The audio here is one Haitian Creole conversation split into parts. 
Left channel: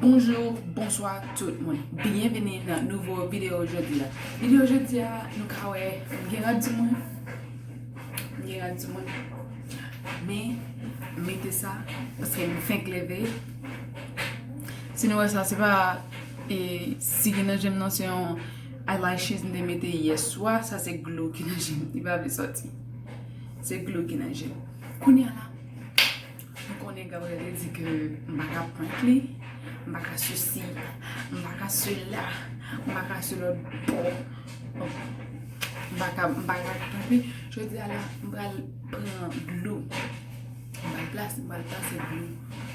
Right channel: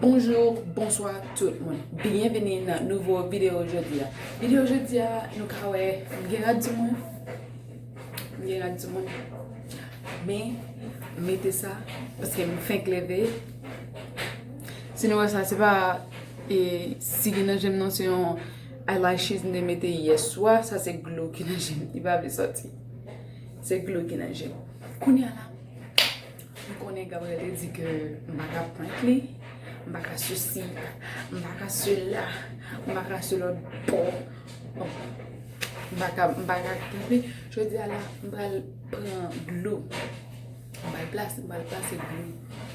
Bonjour, bonsoir tout le monde. Bienvenue dans une nouvelle vidéo aujourd'hui. Vidéo aujourd'hui, nous avons du monde. Mais mettez ça parce que nous faisons lever. Sinon, ça c'est pas. Et si vous avez une notion eyelashes de mettre hier soir, ça c'est glue qui n'a jamais. Il va sortir. C'est glue qui n'a jamais. Kounya là. Nous connaissons Gabriel dit que je ne vais pas prendre lui. Je ne vais pas ceci, je ne vais pas cela, je ne vais pas cela. Je ne vais pas prendre lui. Je dis à la, je vais prendre glue. Je vais placer glue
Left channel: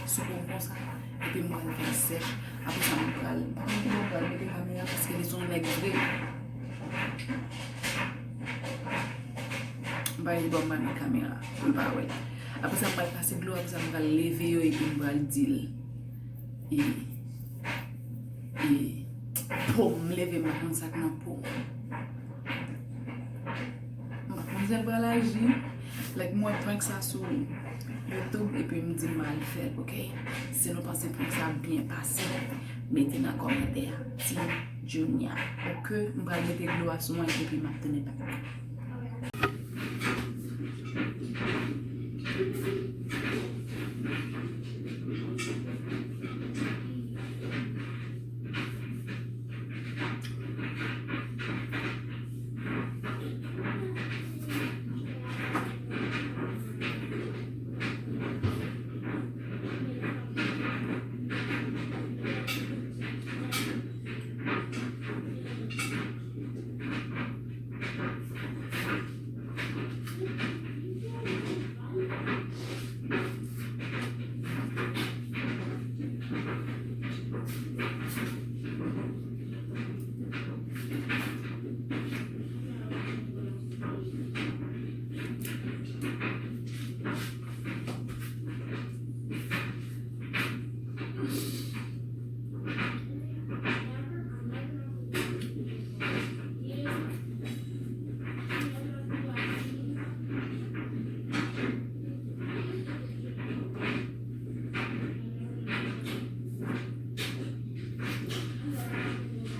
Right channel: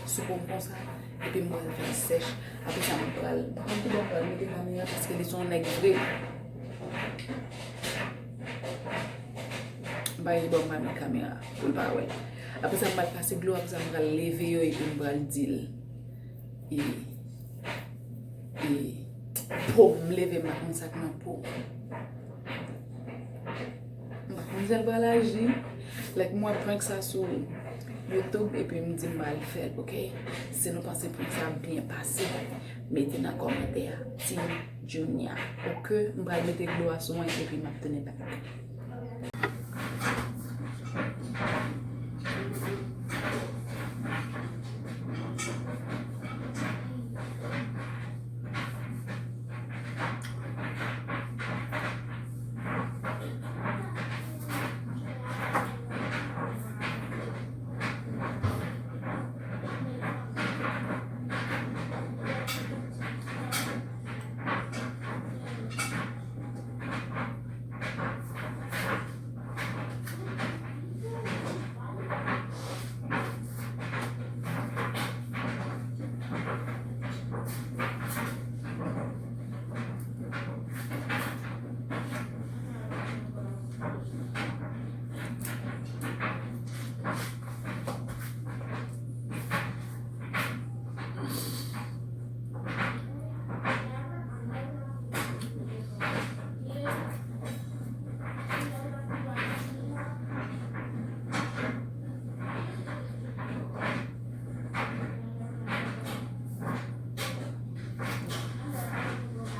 sur le comme ça. Et puis je vais faire sèche. Après ça, je vais mettre la caméra parce que les sont nègres. Je vais mettre la caméra pour le voir. Après ça, je vais passer glue, après ça, je vais lever et puis je vais dire. Et pour me lever, je vais ça comme pour. Je vais l'agir. Like moi, je prends ça sur YouTube et puis je me dis, je vais le faire, ok? Si vous pensez que ça a bien passé, mettez dans les commentaires, Team Junior. Ok? Je vais mettre glue sur moi et puis je vais tenir back.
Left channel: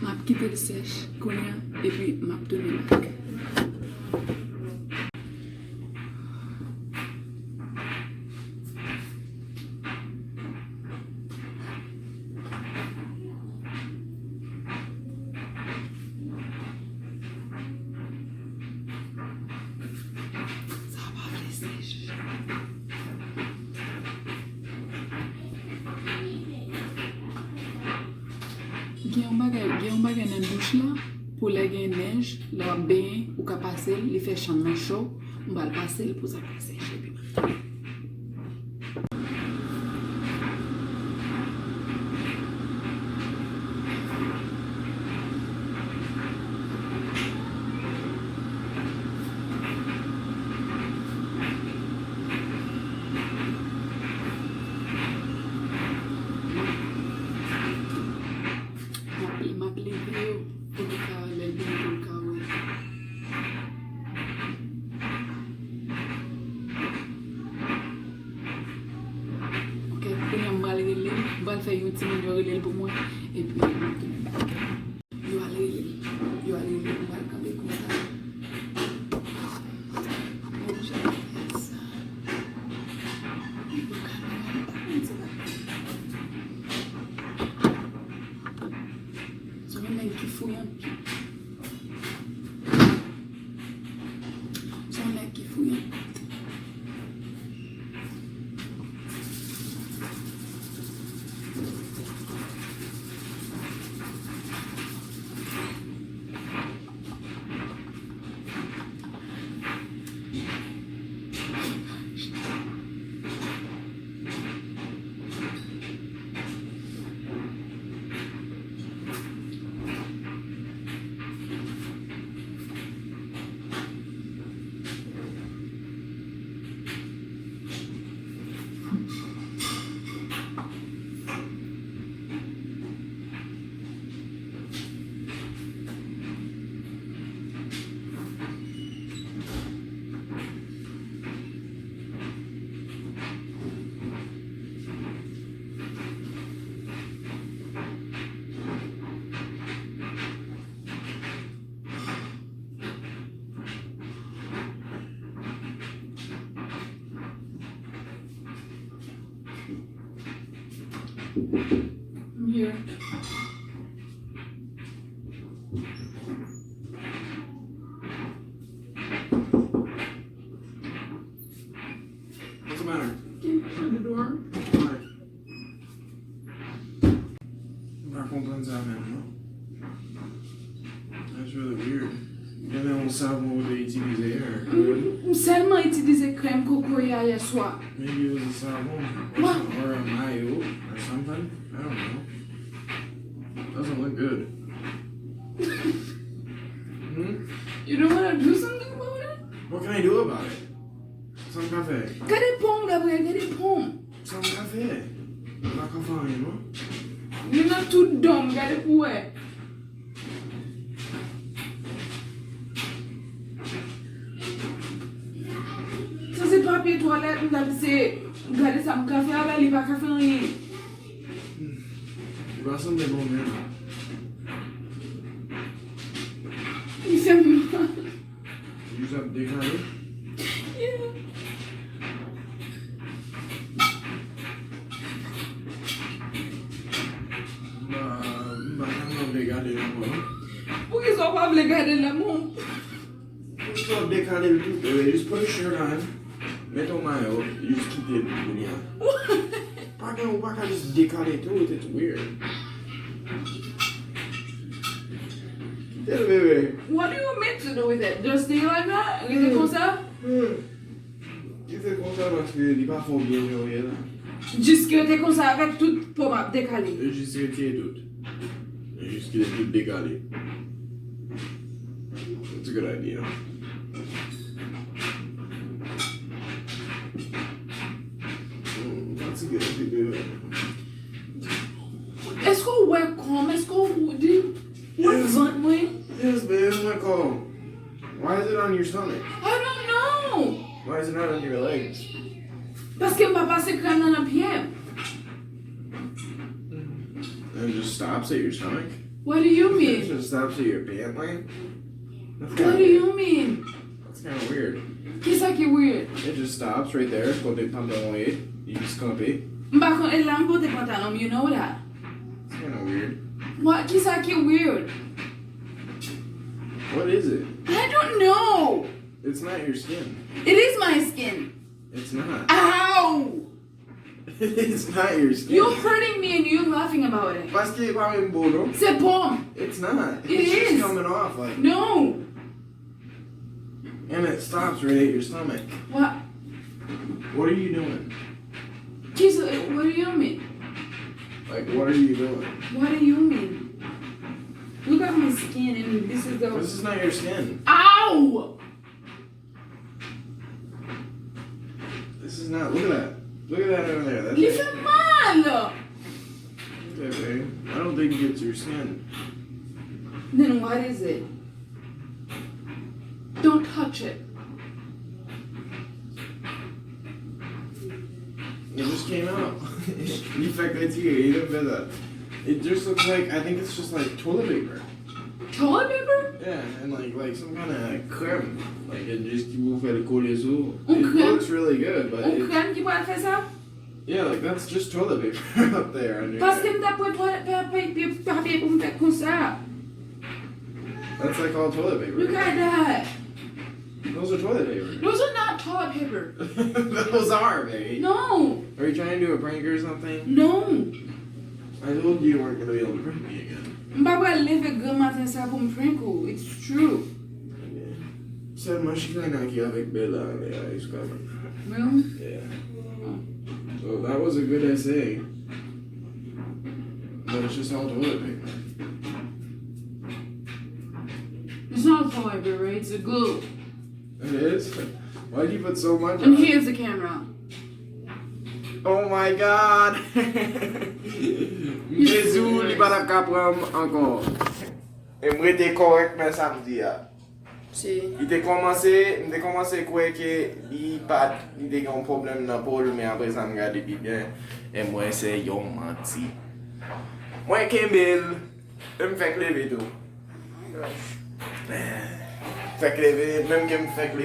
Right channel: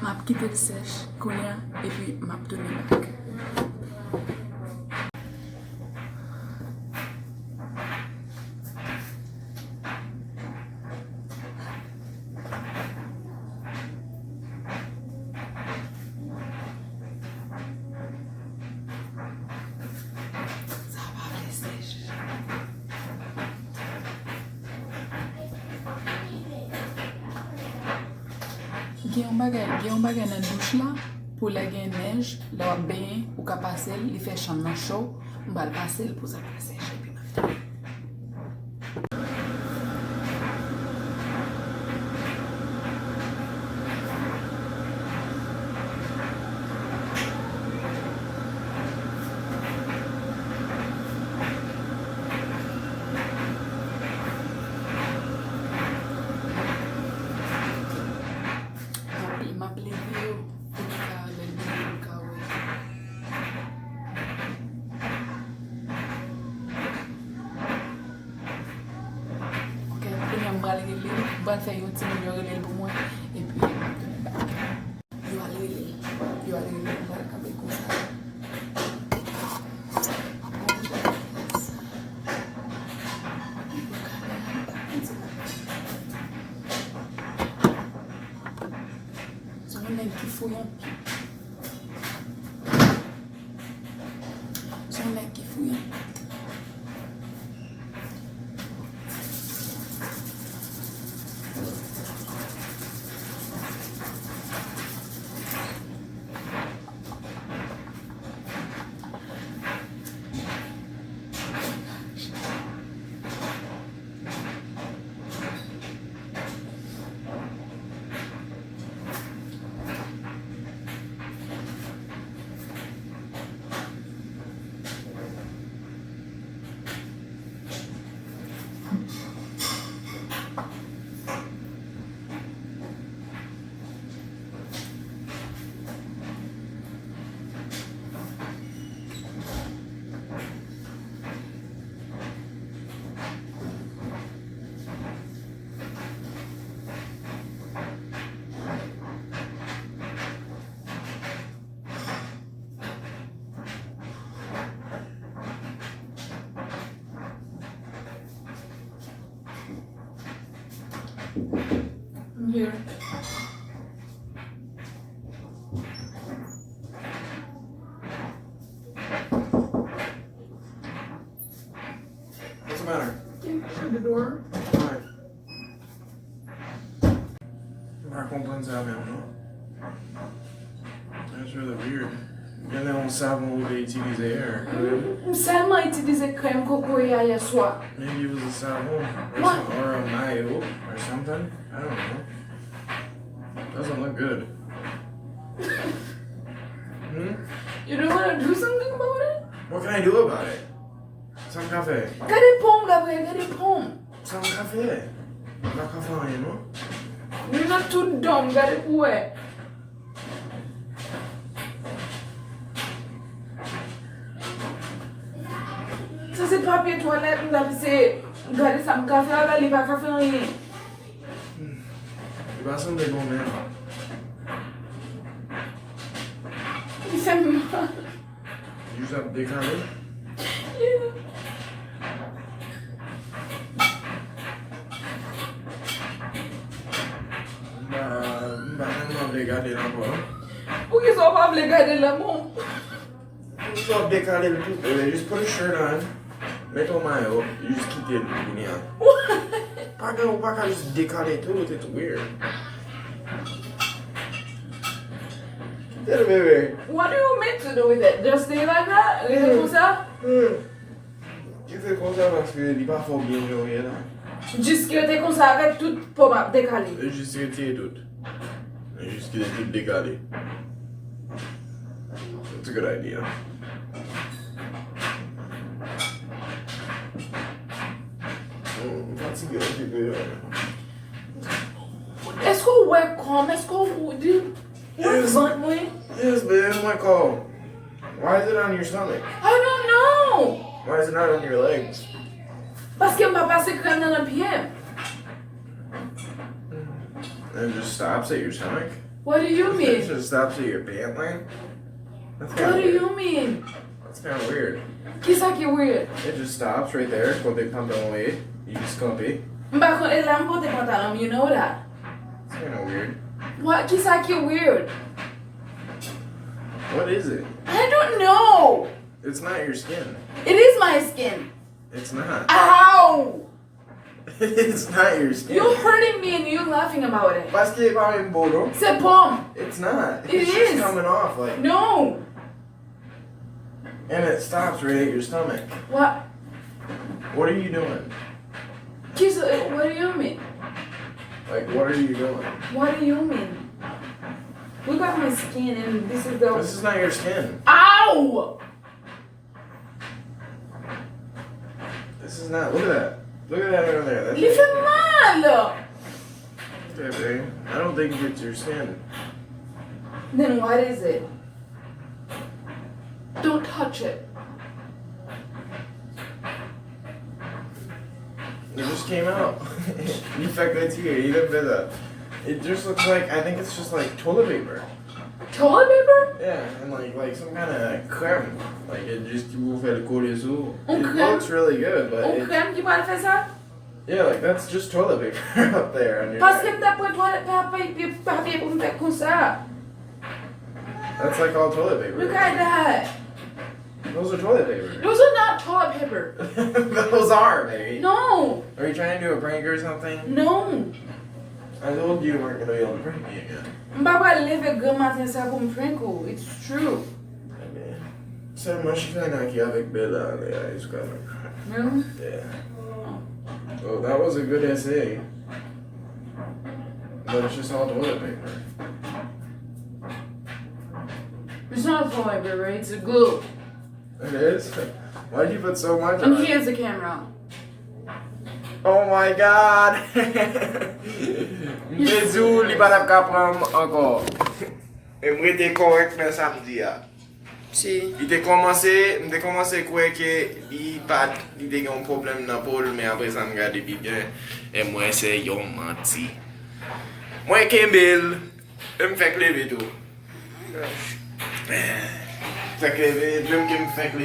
Je vais quitter le sèche, et puis je vais tourner back. Il y a un bagage dans la douche là, pour la neige, la bain ou qu'à passer, il fait chambre chaud, on va le passer pour ça passer. Je vais faire un petit peu pour moi et puis je vais tourner back. Je vais aller comme ça. C'est un mec qui fouillon. I'm here. What's the matter? Open the door. Why? Racontando ça maintenant. That's really weird. Then on savon we utilisé hier. Seulement utilisé crème coco hier soir. Maybe it was a savon What? or a mayo or something. I don't know. Doesn't look good. You don't want to do something about it? What can I do about it? Some café. Gade pomme, Gabriel, gade pomme. Some café. Not café, you know? You're not too dumb, gade pouet. Ça c'est papier toilette, c'est gade ça me café, là, il pas café rien. Tu vas sembler bon même. Il fait mal. Juste à décaler. Décaler là-bas. Pourquoi ils sont pas voulu garder le monde? Juste à décaler le tout. Just put a shirt on. Mets ton maillot. You just keep it. Pas qu'à juste décaler tout. It's weird. Yeah, baby. What do you mean to do with it? Just stay like that? Rester comme ça? Tu fais comme ça parce que il n'est pas fort bien joué là. Juste que t'es comme ça avec toute pomme décalée. Juste que tu es tout. Juste que tu es décalé. It's a good idea. Fatigué, c'est good. Est-ce qu'on ouais comme? Est-ce qu'on dit? What's on me? Yes, babe, my call. Why is it on your stomach? I don't know. Why is it not on your legs? Parce que m'a passé crème dans le pied. And it just stops at your stomach? What do you It mean? just stops at your pant leg? That's What kinda do weird. you mean? That's kind of weird. Qu'est-ce qui est weird? It just stops right there. Quand t'es pantalon, you just copy. M'pas kon elle aime porter pantalon, you know that. It's kind of weird. What? Qu'est-ce qui est weird? What is it? I don't know. It's not your skin. It is my skin. It's not. Ow! It's not your skin. You're hurting me and you're laughing about it. Parce qu'il est pas un beau. C'est pomme. It's not. It It's just is. coming off like, No. and it stops right at your stomach. What? What are you doing? What do you mean? Like, what are you doing? What do you mean? Look at my skin and this is the... This is not your skin. Ow! This is not. Look at that. Look at that over there. That's Il fait mal! okay, babe. I don't think it's your skin. Then what is it? Don't touch it. It just came out. You fuck that here. You didn't fit that. It just looks like, I think it's just like toilet paper. Toilet paper? Yeah, and like some kind of crème. Like it just you will faire le coller sous. Un It crème? looks really good, but Un it, crème qui va faire ça? yeah, like that's just toilet paper up there on your Parce que neck. t'as pris papier pour me faire comme ça. That's like all toilet paper. Look at that. Those are toilet paper. Those are not toilet paper. Those are, baby. No. Are you trying to do a prank or something? No. I told you weren't gonna be able to prank me again. M'pas lever grand matin ça pour me prank. It's true. So much fun aqui avec Bella, aliás, cara. Really? Yeah. Well, that was a good essay. But it's just all toilet paper. It's not toilet paper, it's a glue. It is? Why'd you put so much And on it? here's the camera. Oh my god! Jésus, li pa tap ka pran ankon. E mwen te korek men samdi ya. Si. Mwen te komanse kwe ke li te gen yon problem nan pol, men apre sa m gade pi gen, e mwen se yon manti. Mwen kembel, e m fek leve tou. Fek leve, menm ke m fek leve.